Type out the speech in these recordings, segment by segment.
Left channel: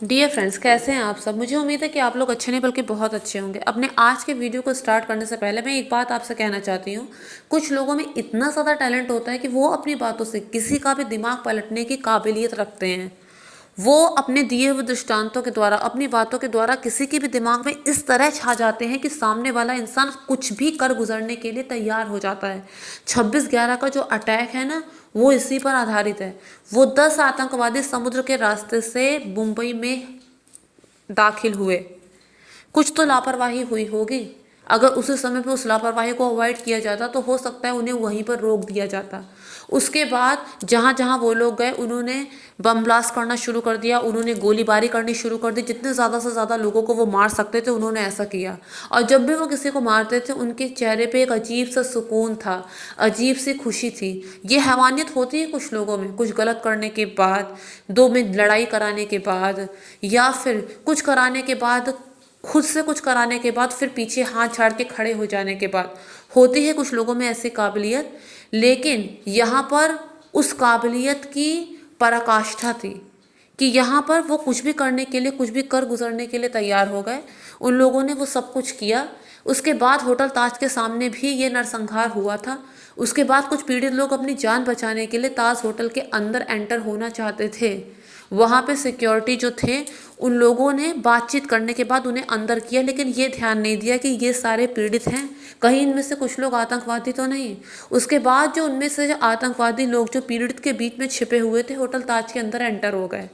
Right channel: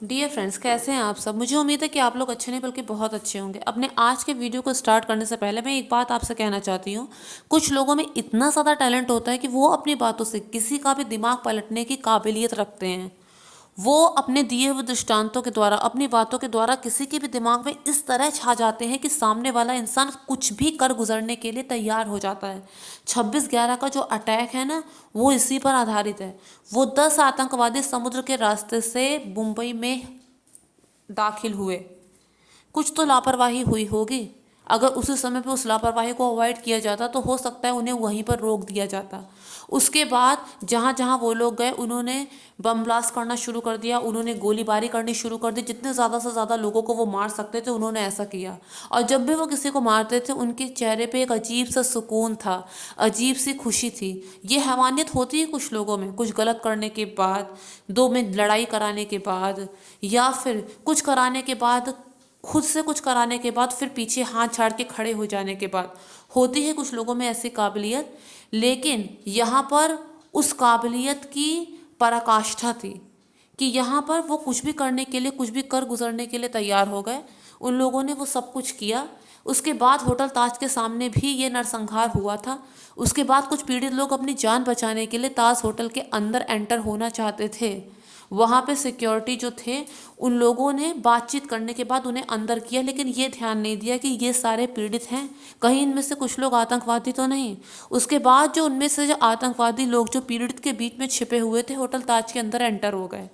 Dear friends, कैसे हैं आप सब। मुझे उम्मीद है कि आप लोग अच्छे नहीं बल्कि बहुत अच्छे होंगे। अपने आज के वीडियो को स्टार्ट करने से पहले मैं एक बात आपसे कहना चाहती हूँ। कुछ लोगों में इतना ज़्यादा टैलेंट होता है कि वो अपनी बातों से किसी का भी दिमाग पलटने की काबिलियत रखते हैं। वो अपने दिए हुए दृष्टांतों के द्वारा, अपनी बातों के द्वारा किसी के भी दिमाग में इस तरह छा जाते हैं कि सामने वाला इंसान कुछ भी कर गुजरने के लिए तैयार हो जाता है। 26/11 का जो अटैक है ना, वो इसी पर आधारित है। वो 10 आतंकवादी समुद्र के रास्ते से मुंबई में दाखिल हुए। कुछ तो लापरवाही हुई होगी। अगर उसी समय पे उस लापरवाही को अवॉइड किया जाता तो हो सकता है उन्हें वहीं पर रोक दिया जाता। उसके बाद जहाँ जहाँ वो लोग गए उन्होंने बम ब्लास्ट करना शुरू कर दिया, उन्होंने गोलीबारी करनी शुरू कर दी। जितने ज़्यादा से ज़्यादा लोगों को वो मार सकते थे उन्होंने ऐसा किया। और जब भी वो किसी को मारते थे उनके चेहरे पे एक अजीब सा सुकून था, अजीब सी खुशी थी। ये हैवानियत होती है कुछ लोगों में, कुछ गलत करने के बाद, दो में लड़ाई कराने के बाद, या फिर कुछ कराने के बाद, खुद से कुछ कराने के बाद, फिर पीछे हाथ झाड़ के खड़े हो जाने के बाद होती है कुछ लोगों में ऐसी काबिलियत। लेकिन यहाँ पर उस काबिलियत की पराकाष्ठा थी कि यहाँ पर वो कुछ भी करने के लिए, कुछ भी कर गुजरने के लिए तैयार हो गए। उन लोगों ने वो सब कुछ किया। उसके बाद होटल ताज के सामने भी ये नरसंहार हुआ था। उसके बाद कुछ पीड़ित लोग अपनी जान बचाने के लिए ताज होटल के अंदर एंटर होना चाहते थे। वहाँ पे सिक्योरिटी जो थे उन लोगों ने बातचीत करने के बाद उन्हें अंदर किया, लेकिन ये ध्यान नहीं दिया कि ये सारे पीड़ित हैं, कहीं इनमें से कुछ लोग आतंकवादी तो नहीं। उसके बाद जो उनमें से जो आतंकवादी लोग जो पीड़ित के बीच में छिपे हुए थे होटल ताज के अंदर एंटर हो गए।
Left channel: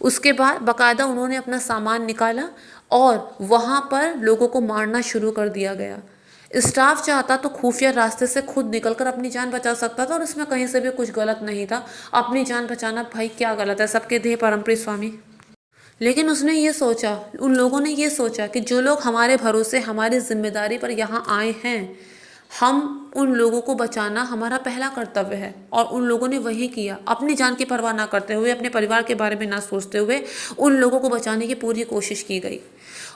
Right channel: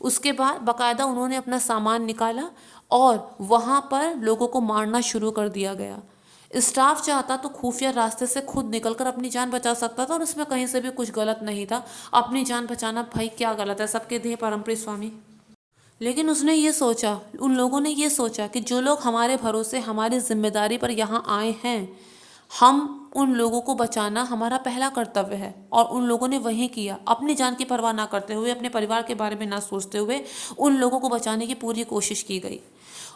उसके बाद बाकायदा उन्होंने अपना सामान निकाला और वहाँ पर लोगों को मारना शुरू कर दिया गया। स्टाफ चाहता तो खुफिया रास्ते से खुद निकलकर अपनी जान बचा सकता था और इसमें कहीं से भी कुछ गलत नहीं था। अपनी जान बचाना भाई क्या गलत है, सबके देह परमप्रिय स्वामी। लेकिन उसने ये सोचा, उन लोगों ने ये सोचा कि जो लोग हमारे भरोसे, हमारी जिम्मेदारी पर यहाँ आए हैं, हम उन लोगों को बचाना हमारा पहला कर्तव्य है। और उन लोगों ने वही किया। अपनी जान की परवाह ना करते हुए, अपने परिवार के बारे में ना सोचते हुए उन लोगों को बचाने की पूरी कोशिश की गई।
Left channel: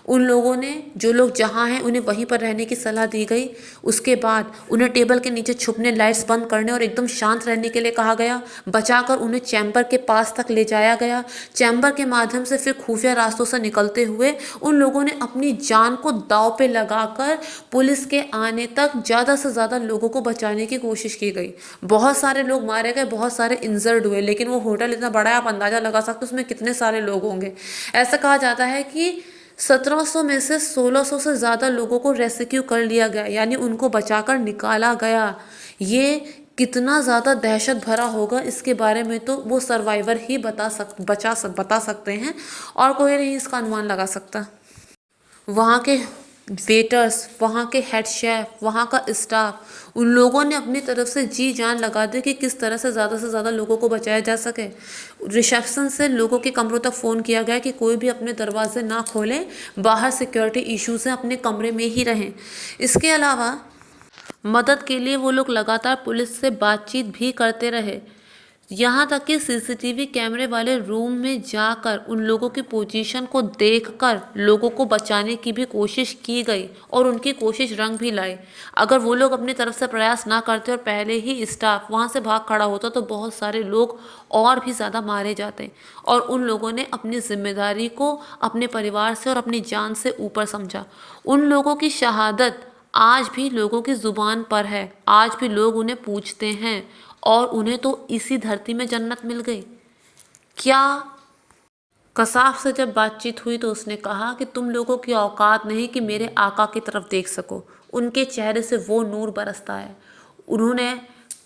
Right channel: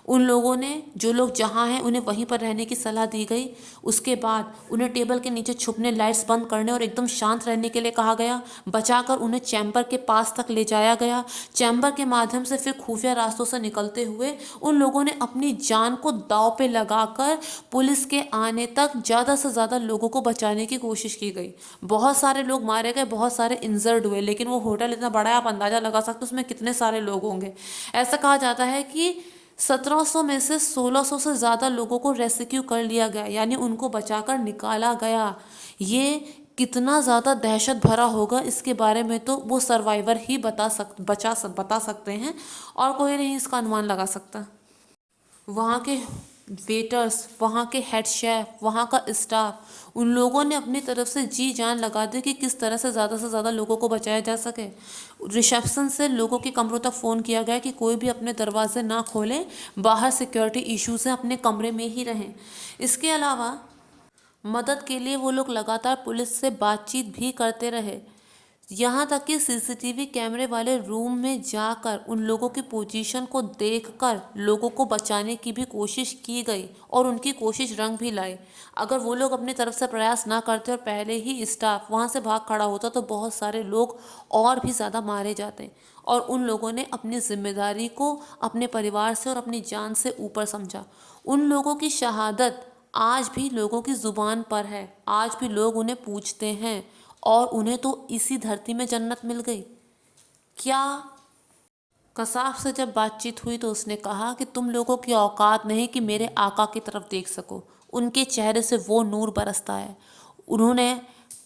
उन लोगों ने, जो लोग जहाँ हैं उन्हें वहीं पर रहने की सलाह दी गई। उसके बाद उन्हें टेबल के नीचे छुपने, लाइट्स बंद करने और एकदम शांत रहने के लिए कहा गया। बचाकर उन्हें चैम्बर के पास तक ले जाया गया। चैम्बर के माध्यम से फिर खुफिया रास्तों से निकलते हुए उन लोगों ने अपनी जान को दांव पे लगाकर पुलिस के आने तक ज़्यादा से ज़्यादा लोगों को बचाने की कोशिश की गई। बहुत सारे लोग मारे गए, बहुत सारे इंजर्ड हुए, लेकिन वो होटल इतना बड़ा है, आप अंदाज़ा लगा सकते हो उसमें कितने सारे लोग होंगे। ऐसा कहा जाता है कि 1700 में से 1600 से ज़्यादा लोगों को रेस्क्यू कर लिया गया, यानी उनको बचाकर निकाला गया। ये कितना ज़्यादा दहशत भरा होगा इसके बारे में तो वो सर्वाइवर ही बता सकते हैं, और कोई नहीं इसका अनुमान लगा सकता। वहाँ के वेटर्स, वहाँ के हेड शेफ, वहाँ का स्टाफ, उन लोगों ने अपनी तरफ से जी जान लगा दी कि किस तरह से ज़्यादा लोगों को बचाया जा सके। रिसेप्शन से लोगों के कमरों तक फ़ोन किया गया कि कोई भी अपने दरवाजे ना खोलें, बाहर सिक्योरिटी इश्यूज़ हैं, अपने कमरे में ही रहें। इसके अलावा मदद के लिए वो लोग लगातार पुलिस से बातचीत भी करते रहे। यहाँ तक कि सीसीटीवी कैमरे वाले रूम में जाकर उन लोगों की पोजीशन को देखकर लोगों को बचाने की भी कोशिश की गई और उनकी कोशिश रंग भी लाई। अगर वो लोग अपनी तरफ से प्रयास ना करते और पहले ही स्टाफ वहाँ से भाग खड़ा होता तो बहुत सारे लोग और भी ज़्यादा मारे जाते। और उन लोगों ने अपनी जिम्मेदारी को अपने परिवार से और अपनी जान से ऊपर समझा। उन लोगों की शहादत आज भी लोगों की ज़ुबान पर है, आज भी लोग उन्हें पूछते हैं, और उन्हें तो इसी धरती में जन्नत मिल गई। क्या कसाब से जब बातचीत हुई तो उसने कहा कि तुम लोगों की औकात नहीं कि मेरे आका की तरफ देख सको। उनके चेहरे से वो नूर बरसता है। उन्होंने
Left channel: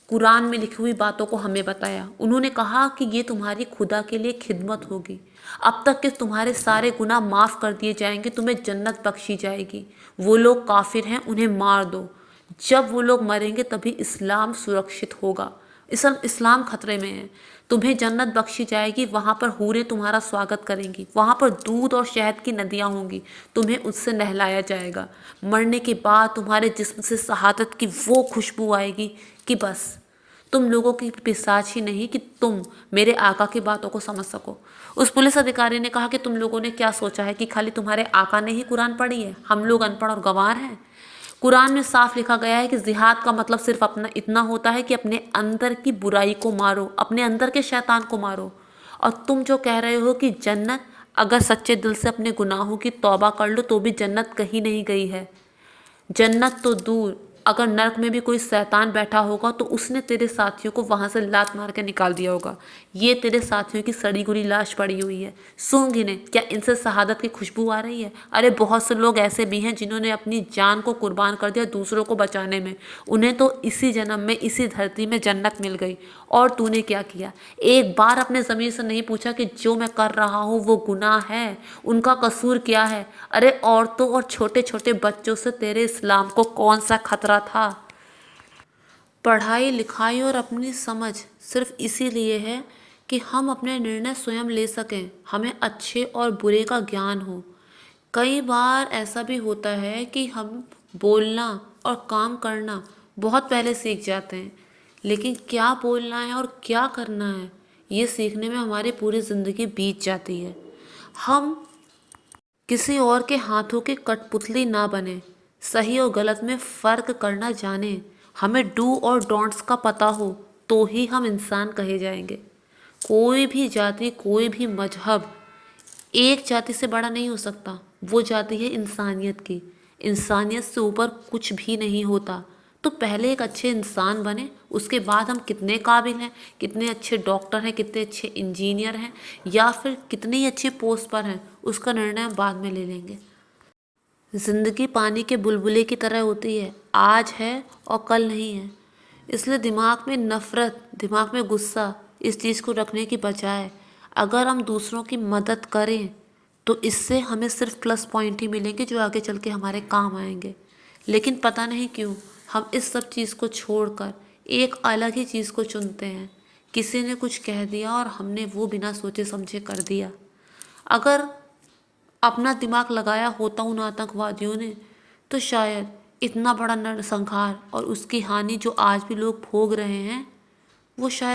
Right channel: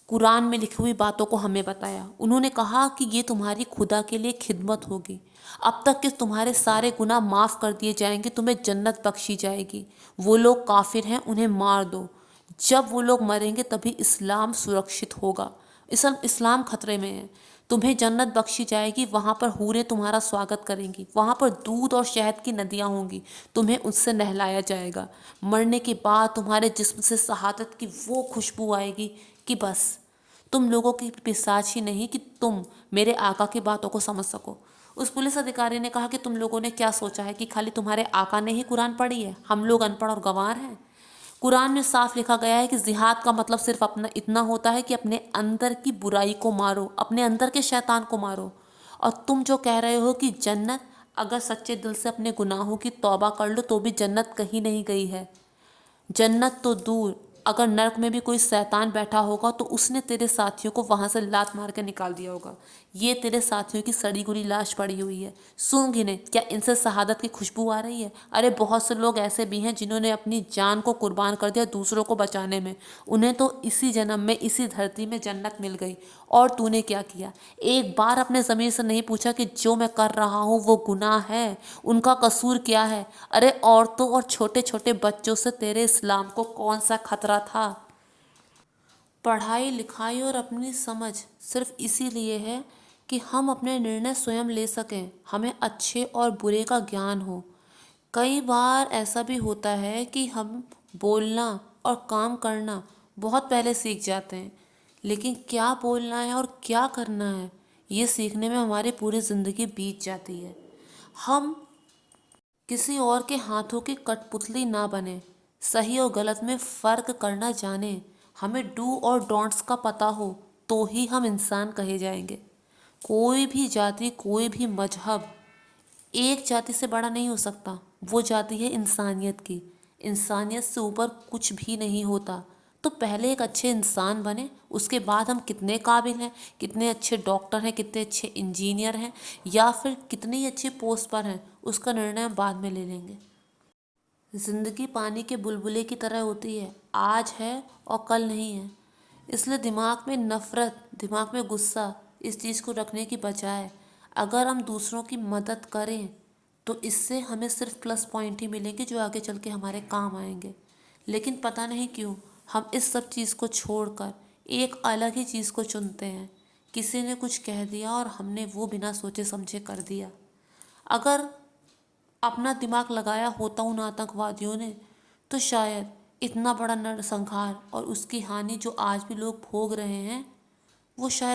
कुरान में लिखी हुई बातों को हमें बताया। उन्होंने कहा कि ये तुम्हारी खुदा के लिए खिदमत होगी। अब तक के तुम्हारे सारे गुनाह माफ़ कर दिए जाएंगे, तुम्हें जन्नत बख्शी जाएगी। वो लोग काफिर हैं, उन्हें मार दो। जब वो लोग मरेंगे तभी इस्लाम सुरक्षित होगा। इस्लाम खतरे में है। तुम्हें जन्नत बख्शी जाएगी, वहाँ पर हूरें तुम्हारा स्वागत करेंगी, वहाँ पर दूध और शहद की नदियाँ होंगी, तुम्हें उससे नहलाया जाएगा। मरने के बाद तुम्हारे जिस्म से शहादत की वो खुशबू आएगी कि बस तुम लोगों की पिशाच ही नहीं कि तुम मेरे आका की बातों को समझ सको। उस पुलिस अधिकारी ने कहा कि तुम लोगों ने क्या सोचा है कि खाली तुम्हारे आका ने ही कुरान पढ़ी है, हम लोग अनपढ़ और गंवार हैं। कुरान में साफ लिखा गया है कि जिहाद का मतलब सिर्फ अपना इतना होता है कि अपने अंदर की बुराई को मारो, अपने अंदर के शैतान को मारो। और तुम जो कह रहे हो कि जन्नत, अगर सच्चे दिल से अपने गुनाहों की तौबा कर लो तो भी जन्नत कहीं नहीं गई है। जन्नत तो दूर, अगर नर्क में भी कोई शैतान बैठा होगा तो उसने तेरे साथियों को वहां से लात मार के निकाल दिया होगा। ये तेरे साथियों की सड़ी गुड़ी लाश पड़ी हुई है, सूंघ इन्हें, क्या इनसे शहादत की खुशबू आ रही है? अरे बहुत से लोग ऐसे भी हैं जिन्होंने अपनी जान को कुर्बान कर दिया दूसरों को बचाने में। उन्हें तो इसी जन्म में इसी धरती में जन्नत मिल गई, और तूने क्या किया? एक बार अपने ज़मीर से नहीं पूछा कि जो मैं कर रहा हूँ वो गुनाह है, उनका कसूर क्या है? अरे औरतों और छोटे छोटे बच्चों से तेरे इस्लाम को कौन सा खतरा था? पढ़ाई लिखाई और अपनी समझ सिर्फ इसीलिए है कि हम अपने निर्णय स्वयं ले सकें, हमें अच्छे और बुरे का ज्ञान हो। कई बार ऐसा भी होता है कि हम बोलना और काम करना बहुत पहले सीख जाते हैं, लेकिन क्या बोलना है और क्या करना है ये सीखने में हमारी पूरी ज़िंदगी बीत जाती है। हम किसी और के हाथों की कठपुतली ना बने, सही और गलत में फ़र्क करना जाने, हमें डू और डोंट्स का पता हो तो ही हम इंसान कहे जाएंगे। कोई भी जाति, कोई भी मजहब एक जाति से बड़ा नहीं हो सकता। वो जाति है इंसानियत की। इंसानियत से ऊपर कुछ भी नहीं होता। तो पहले एक अच्छे इंसान बने, उसके बाद हम कितने काबिल हैं, कितने अच्छे डॉक्टर हैं, कितने अच्छे इंजीनियर हैं, या फिर कितनी अच्छी पोस्ट पर हैं, उसका निर्णय हम बाद में ले लेंगे। ज़िंदगी पानी के बुलबुले की तरह होती है, आज है और कल नहीं है। इसलिए दिमाग में नफ़रत, दिमाग में गुस्सा इस चीज़ को रखने की बजाय अगर हम दूसरों की मदद करें तो इससे हमें सिर्फ प्लस पॉइंट ही मिलेंगे जो आगे चल के हमारे काम आएंगे। लेकिन पता नहीं क्यों हम इस सब चीज़ को छोड़कर एक अलग ही चीज़ को चुनते हैं। किसी ने कुछ कह दिया और हमने वो बिना सोचे समझे कर दिया। अगर अपना दिमाग लगाया होता उन आतंकवादियों ने तो शायद इतना बड़ा नरसंहार और उसकी हानि जो आज भी लोग भोग रहे हैं वो शायद